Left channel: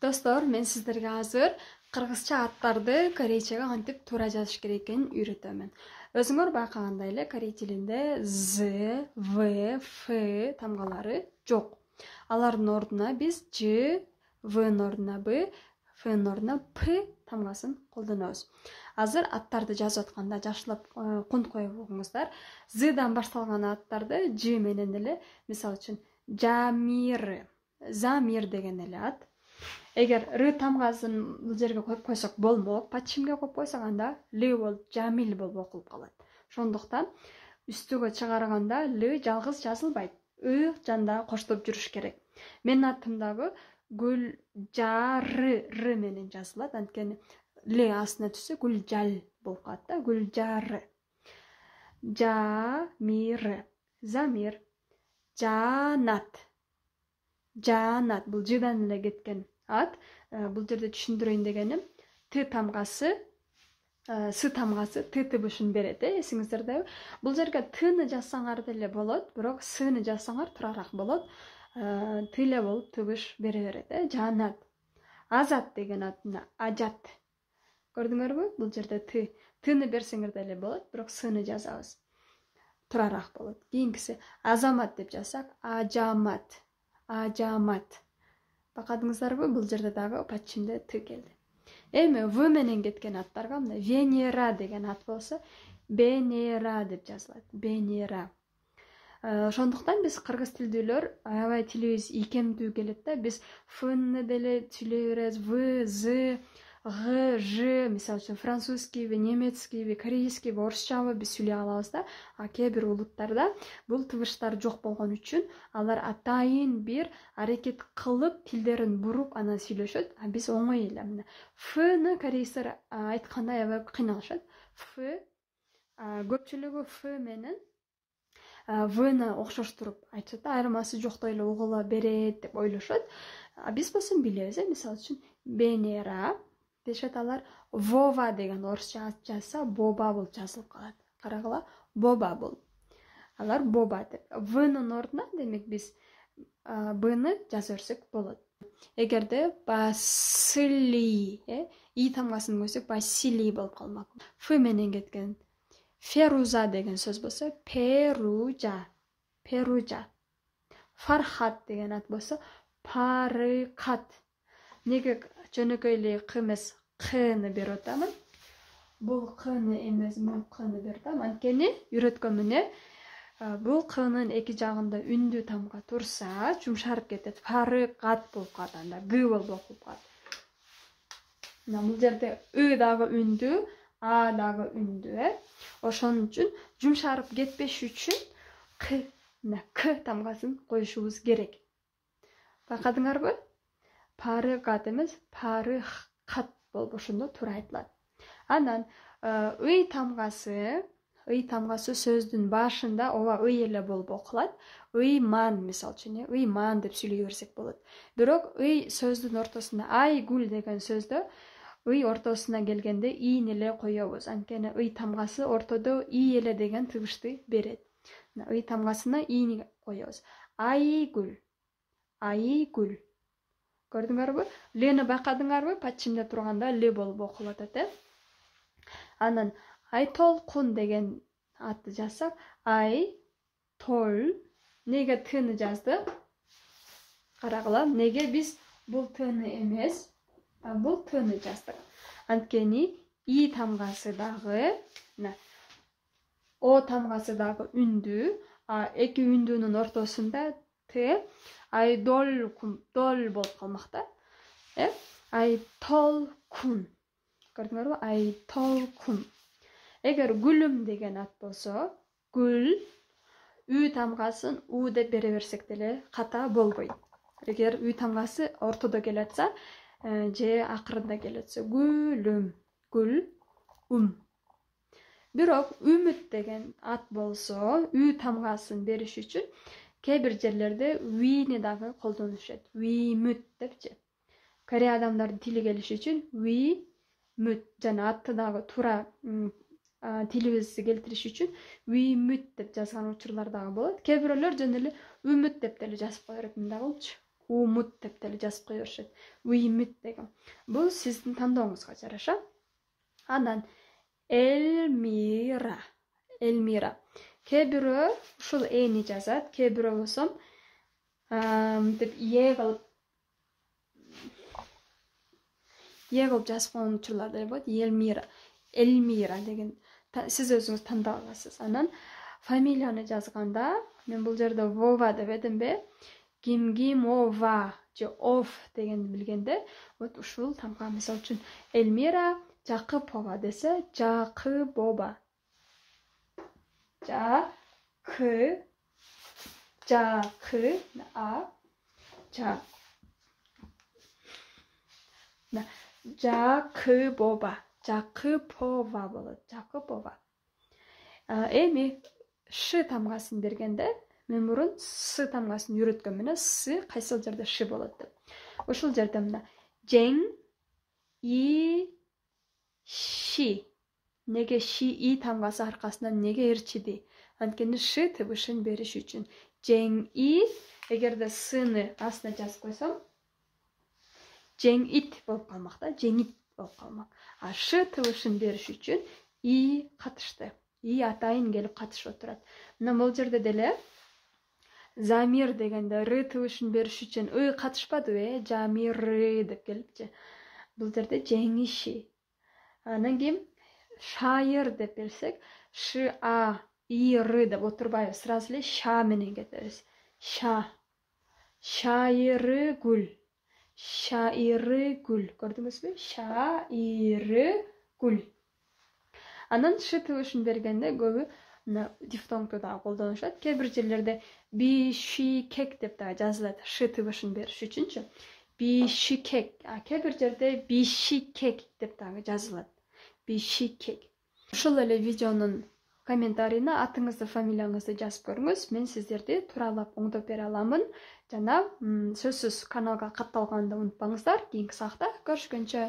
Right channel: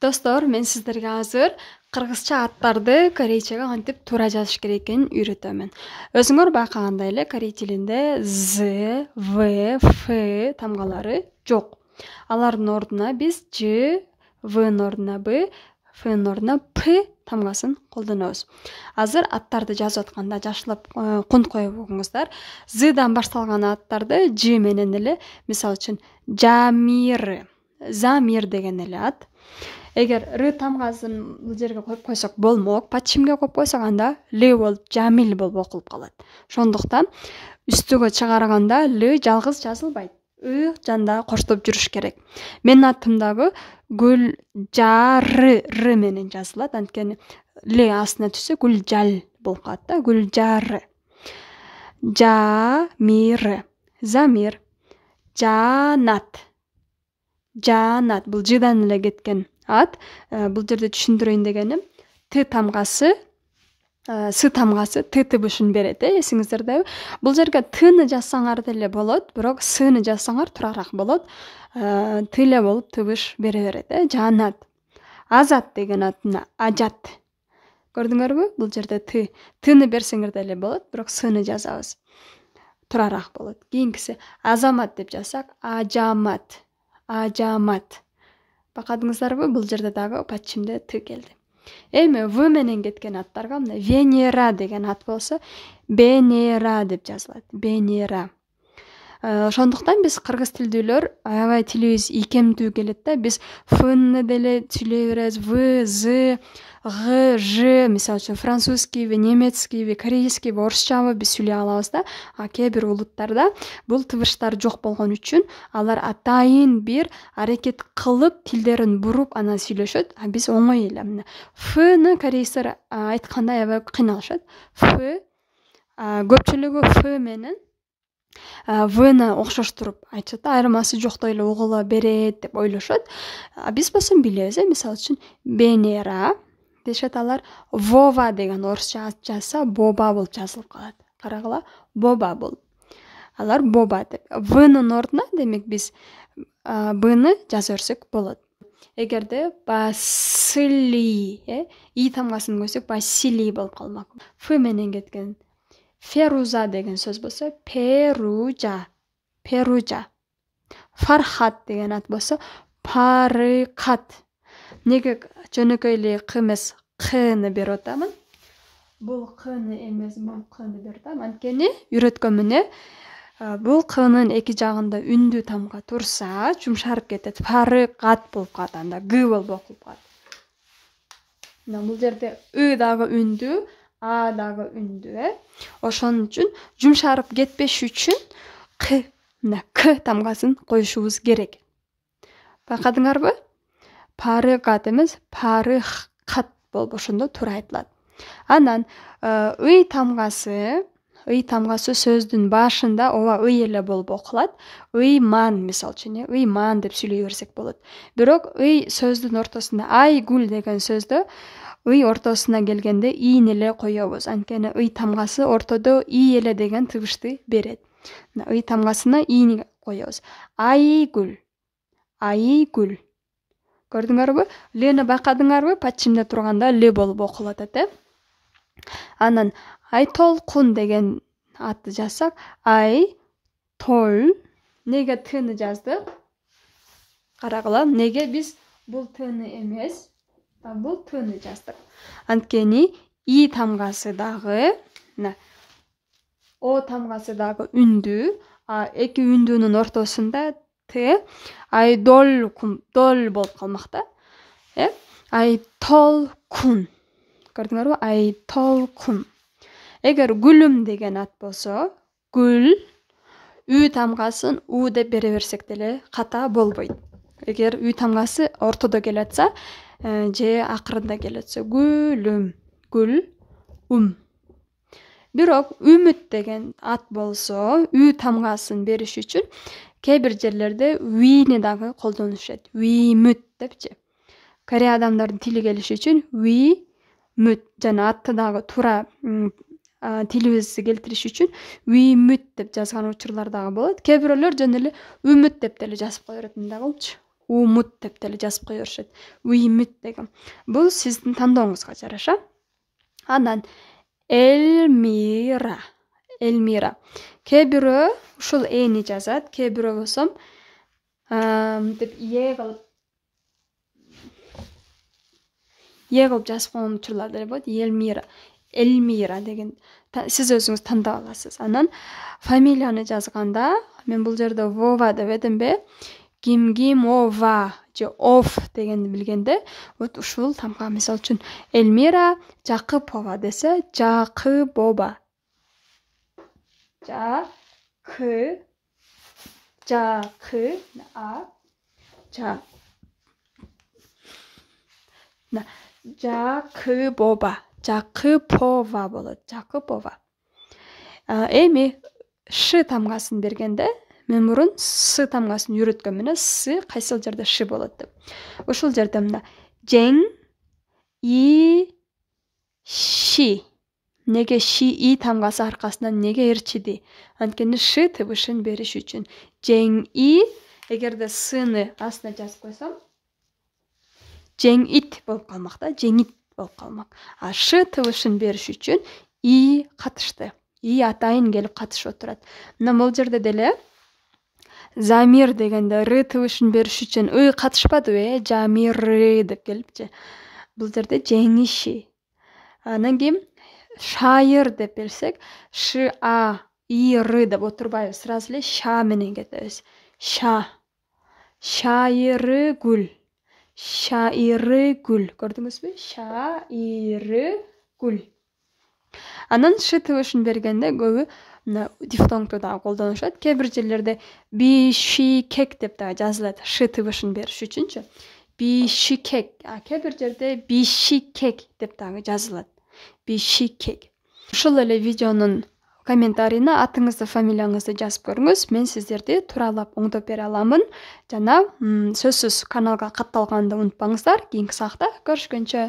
Достор, мен сіздерге азыр кыргызча аттарды корейчеге кантип туура жазыш керек экенин үйрөтөмүн. Өзүңөр байкагандай эле корей тилинде з, в, ф тамгалары жок. Алардын ордуна биз ж, внын ордуна б, фнын ордуна п тамгасын колдонобуз. Азыр аттарды жазып атканда жакшылап кунт коюп угуңуздар. Здан башталган аттарды ж менен эле, мисалы үчүн Жамир, Замир деген эле ат. Эгер р тамгасын бул жерге коюп койсок болмок, пачимге коюп койсок анда л болуп Жамил болуп окулуп калат. Ошондуктан үстүгө чыгарганда л жалгыз жазылбайт. ы жанда коштоп жүрүш керек. Менин атым дагы Гүлжары р менен жазылат. Анткени л астына түшсө Гүлжал болуп калат да. Гүлжары. Жамир, Замир, Жанат. Жанат бул жыдан эле кеткен ат. Бул жерде түшүндүрөйүн дегеним, т тамгасы, с тамгасы т тыбышын берет, эсиңиздердеби? Бул жерге тны жазсаңар деле болот, бирок сны жазсаңар турараак болот. Т эле болуп тыбыш бере берет, Жанат. Азат деген атына Ажат. Көрдүңөрбү? Бул жерде тны берсеңер деле болот, бирок сны жазабыз. Турараак болот. Кийинкиси Азамат деп жазсак, Ажамат. Ажамат. Байкадыңыздарбы? Бул жерде дагы пачимде т келди. Эми в менен кеткен аттарга мына Венера деген ат болсо, Бенера деп жазылат. Бенера. Ошондуктан биз кыргыз тилдүүлөр аябай тилибиз ийкемдүү келет да. Биз фны деле сүйлөй беребиз, в, з, г, ж, мисалы үчүн французскийби, немецкийби, корейскийби, орусчабы биз сүйлөй алабыз да. А кээ бир улуттарда бул тыбыштар жок болгон үчүн алар атайын бир аракет кылып тилдерин буруп анан сүйлөшөт. А биз оңой эле мына фны корейстер айтканда аябай кыйналышат. Ф көпчүлүгү ф менен вны окшоштуруп айтышат. Айырмасы жоктой эле угула берет деп ойлошот. А биз болсо билебиз, мисалы үчүн Бенера дешет алар. Вова деген орусча ат жазса Боба болуп жазылып калат. Карагыла, Боба болуп. Алар Боба деп. Внын ордуна демек биз бны жаза берсек болот. Эгерде Басили, и тамгасын койсок Басили болуп калмак. Ф менен кеткен Феруза деген сөз болсо Перужа. Перужа. Фархат деген ат болсо Парыкат. Неге жөнөкөй эле к эмес кны берип атамын? Бул кны эмес, бул кны берип атам. Анткени үйрөткөм эмне? Бул кнын эки жагында үндүү тамга турса, жумшарып кетет. Парыкат болуп калат, анда г болуп окулуп калат. Мына бул жерде ы дагы үндүү, а дагы үндүү, Ошон үчүн жумшарып кетпеш үчүн к тамгасын коюшубуз керек. Байкадыңарбы? Парыкат эмес, парыкат болуп ошондо туура айтылат. Анан ый тамгасы сөздүн башында ооба ый эле болуп окулат. Ыйман мисалы үчүн, ыйман деп сүйлөй берсек болот. Бирок ый сөздүн ортосунда Айгүл деген сөздө ый ортосуна келгенде ийни эле коебуз. Анткени ый тамгасы ортодо и эле деген тыбышты берет. Ый тамгасына ийни коебуз. Айгүл. Айгүл. Көрдүңөрбү? Лени байкадыңарбы? Пачимде турганда л болуп окулуп атат, Анан Айтолкун деген атты жазсак, Ай-тол. Неге тны жаздык? Карагыла, неге биз бул тны эмес, бул тны жаздык? Анткени и тамгасы дагы, о тамгасы дагы үндүү, эки үндүүнүн ортосунда т, айдолкун, дол болуп калмак да. Айтолкун. Көрдүңөрбү? Айтолкун. Эгер Гүлүм деген ат болсо, гүл, үй тамгасын у деп бере берсек деле ката болбойт. Эгер үй тамгасы ортодо келатса, же акырында келатса, Гүлүм, гүл, Бирок Үмүт деген ат болсо, үй тамгасын бериш үчүн кээ бир жерлерде уйни дагы колдонушат. Уймүт депчи. Корей адамдардын тили келиш үчүн уймүт жана атты дагы туура тилибизди келтириш үчүн Уймүт деп жазган учурлар дагы болот. Кээ бирөөлөр жөн эле Үмүт деп деле жазып кое берет. Мында болчу. умут деп деле жазып кое беришет. Уймут деген. Бул сиздин тандооңузга жараша. Анан Эльмира. Эльмира. Кээ бирөө ушул эни жазат, кээ бирөө болсом деп кылып жазып койгон учурлар деле болот. Эльмира деген сиз өзүңүз тандап аласыз. Анан фамилияны жазганда мен бул жерде Вова деп эдимби? Ова же Оф дегенди билгенде, вот ушул тамга мисалы үчүн Эльмира Жакыпова десе, Жакыбоба. Жакыпова болот. Жакыпова. Эми Ш тамгасын бергенде, мен мурун С тамгасын үйрөткөн менен С кайсыл жерде Ш болот деп. Ушул жерде мына Жең И Ши. Неге Ши И тамгасы аркасынан неге ээрчиди? Анткени Ш тыбышын бериш үчүн. Жең И, эгерде Сны астына жазып койсом, Жең ит болуп калмак да, жеңит болуп калмак. А Ш тыбышын бериш үчүн И катышты. И атайын келип катышып отурат. Мына бул жерде деле Замир дегенде Р тыбышын бериш үчүн ы катышпадыбы, Жамиры деп келипчи. Бул жерде жеңиши. Анан кийин Шайыр деп берсек, Ш А И Р деп отурбайбыз, сразу эле ша менен кетебиз. Ша. Шайыры гүл. Шайыры гүл. Көрдүңүзбү? Шайыры гүл. Анан Ш тыбышын бергенде көбү дифтонгду дагы колдонушат. Кээ бир жерлерде бишикек деп дагы жазылат. Ш тыбышын бериш үчүнчү. Бишикек. Кээ бир жерде бишикек деп дагы жазылат. Бишикек. Ушул эле видеонун комментарийине атыңызды, фамилияңызды жазып көрүңүз. Мен сиздерди тууралап оңдоп бере аламын. Жана сөзсүз каналга катталганды унутпаңыздар. Кийинки саатта көрүшкөнчө.